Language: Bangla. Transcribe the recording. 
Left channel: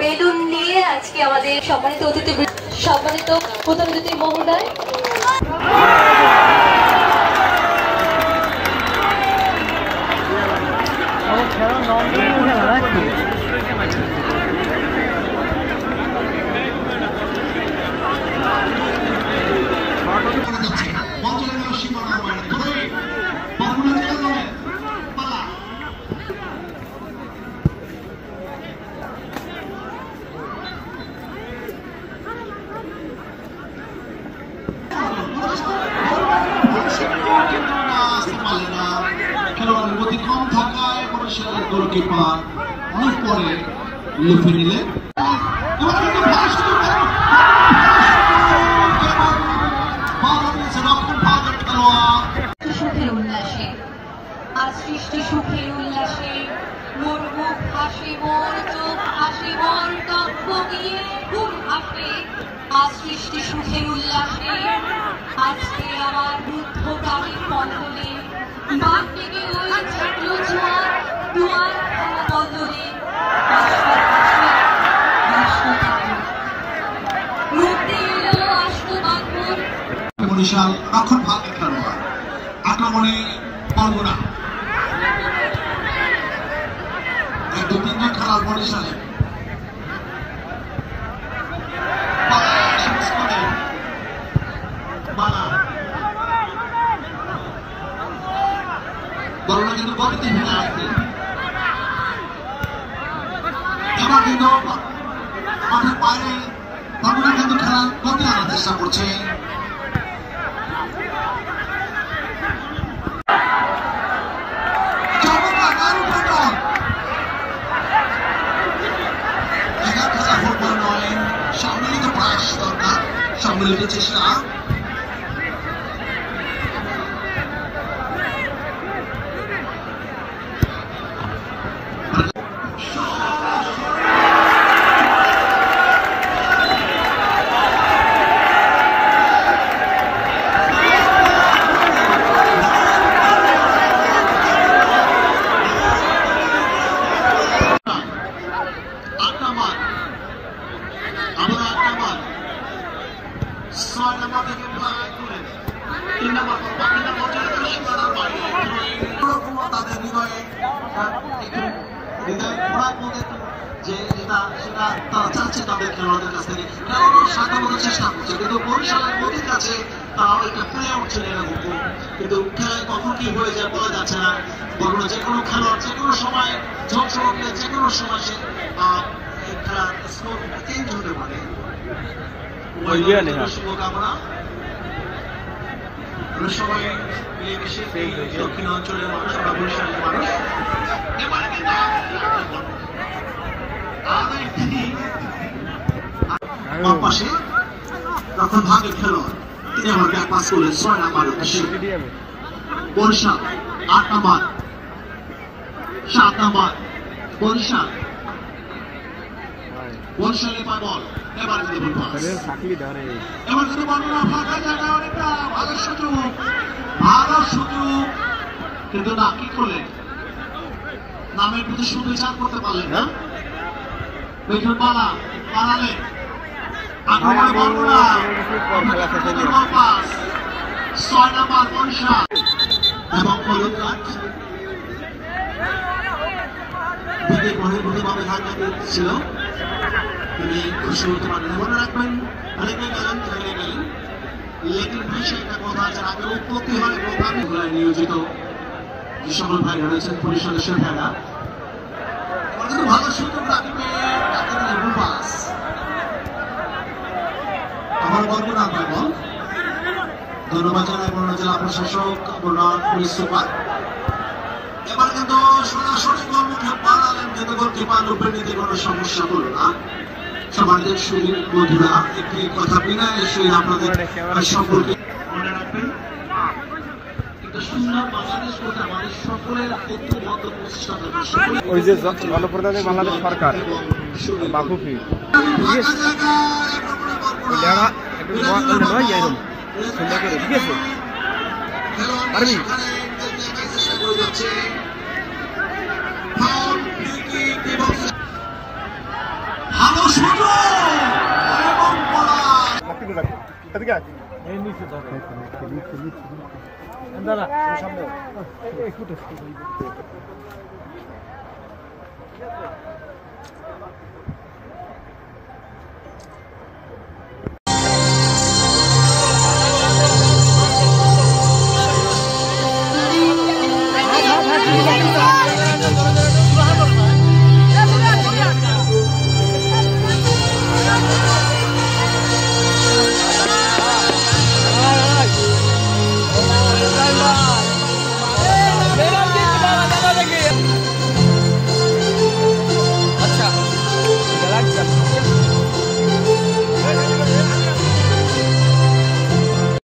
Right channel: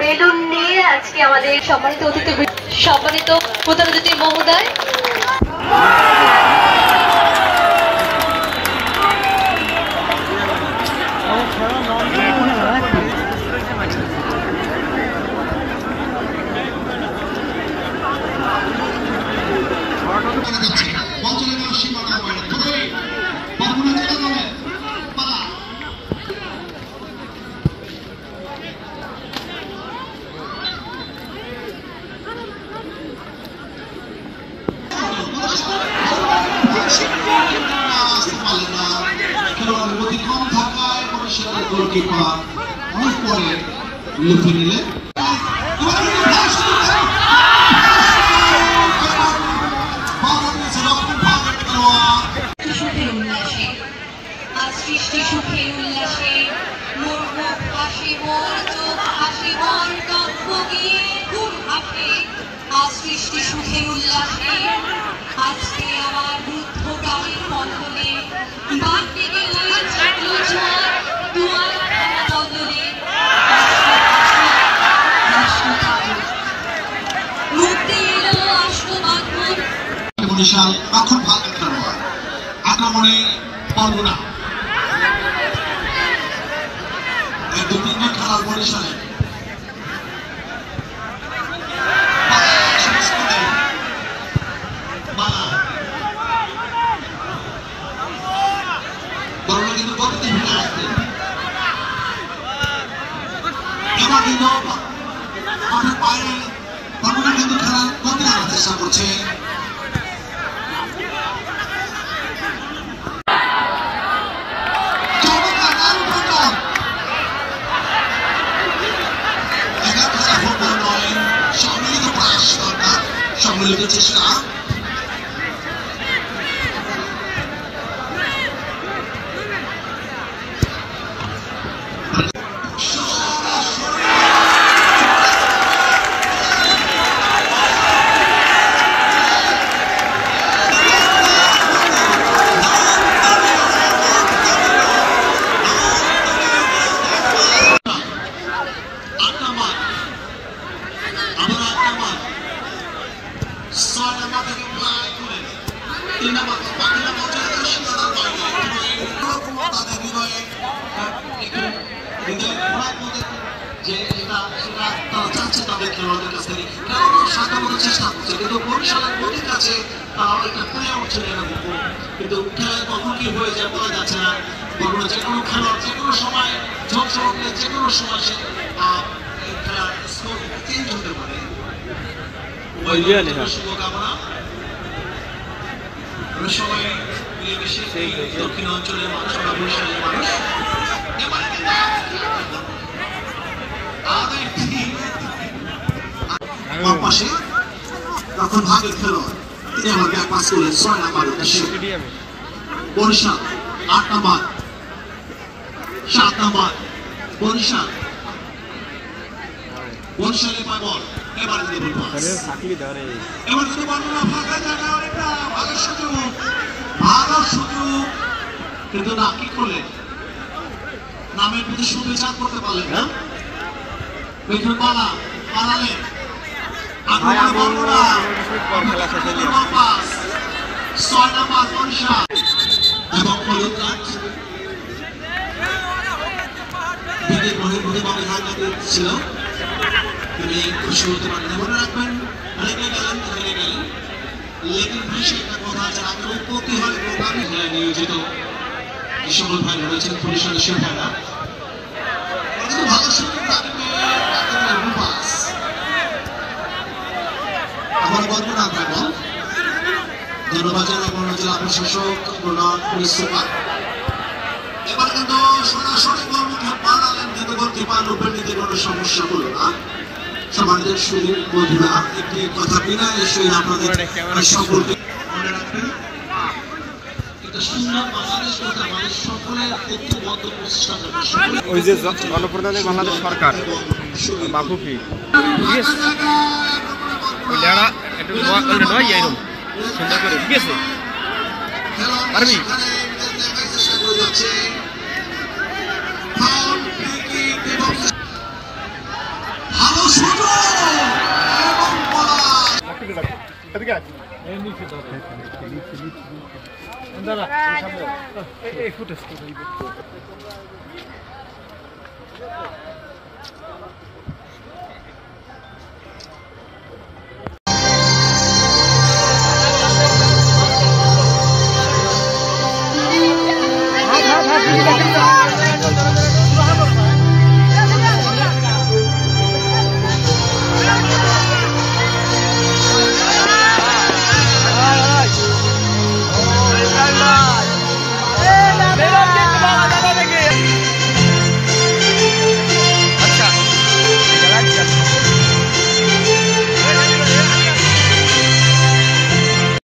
বেলুন নিয়ে আজকে আমাদের সম্মানিত প্রধান অতিথি মহোদয় অনেক পরে লিখে নিলে সৃষ্টি সুখে উল্লাসে মোর মুখ হাসি মোর চোখ হাসি মোর কাব্য গিয়ে ঘুম হাসে আজ সৃষ্টি সুখে উল্লাসে আজকে আমার রুদ্ধ প্রাণের মণ্ডলে বাদ থেকে ওই ছাগলো ছোঁয়ার দুয়ার বদলে মুক্তি এলো অষ্টবাঙ্গুর বরিশাল এখন ভালো খেলোয়াড় আক্রমণে বরগুনা এই দু তিনজন খেলার বরিশালে কিন্তু গতিতে ভেঙে আসছে এবার কিন্তু মাঠের বাইরে বরগুনা কিন্তু খেলার গতি আনার চেষ্টা করছে সম্মিলিত চেষ্টা তাদের হৃদয়ে যে এটা সেটা তারা চাচ্ছে তাদের খেলোয়াড়দের কাছ থেকে খেলোয়াড় সাধারণত চেষ্টা করছে কিন্তু বরিশালের নদীর কাছে তারা এটা পেয়ে উঠছে কিন্তু খেলায় কখন কি হয়ে যায় বলা যাচ্ছে না বরং যে কোনো খেলোয়াড় যে কোনো সময় ঝলসে উঠলে যে কোনো সময় সে খেলার চেঞ্জ হতে পারে শুভকামনা সময় দক্ষিণ অঞ্চলের মানুষ বা বরিশালের মানুষ পাশে তখন ভাগের খেলোয়াড় তিনি আমার ব্যাক পাস করলেন 6 নাম্বার উদ্দেশ্যে বরিশাল 8 নাম্বার 7 নাম্বার বরিশাল বরিশালে পাবল এবার কিন্তু বর্ণনা ফাঁকা জায়গা একটা ভালো সুযোগ কিন্তু না কি করলেন নামের প্রতি সুবিচার করতে পারলেন না দেখুন পালালেন আক্রমণে বর্ণনা 6 নাম্বার বরিশাল এবং বিদের বহির্ভূতভাবে ছিল তিনি খুশি হতে পারেন মনে রাখবেন লেগে গেলেন লেগের বিষয়ে একটা কথা আছে আমাদের প্রতি হারে প্রধান নিয়োজিত যে সকল ভাই রয়েছেন বরিশালের সে ভাইরা কিন্তু ভালো সুযোগ রাখবে আমার বর্ণনা ভাই বল ধন্যবাদ জানাই বর্ণনা জেলা প্রশাসক পুলিশ সুপার এবার কিন্তু সরাসরি গোলমুখে পালালেন কিন্তু গোলকিপার রূপে নিতে কোনো সমস্যা হলো না সমাজের সুদীর বন্ধুরা একটি কথা বিনা এসে আপনাদের সকলকে মনে রাখবেন ওই যে গণপ্রজাতন্ত্রী বাংলাদেশ সরকার বাফুফি নয় এরকম সুন্দর করে ঠিক আছে পারবি কিনে রাখো এদিকে আয় এই নিচে ধরে দাঁড়া সামনে এই ফুটেজ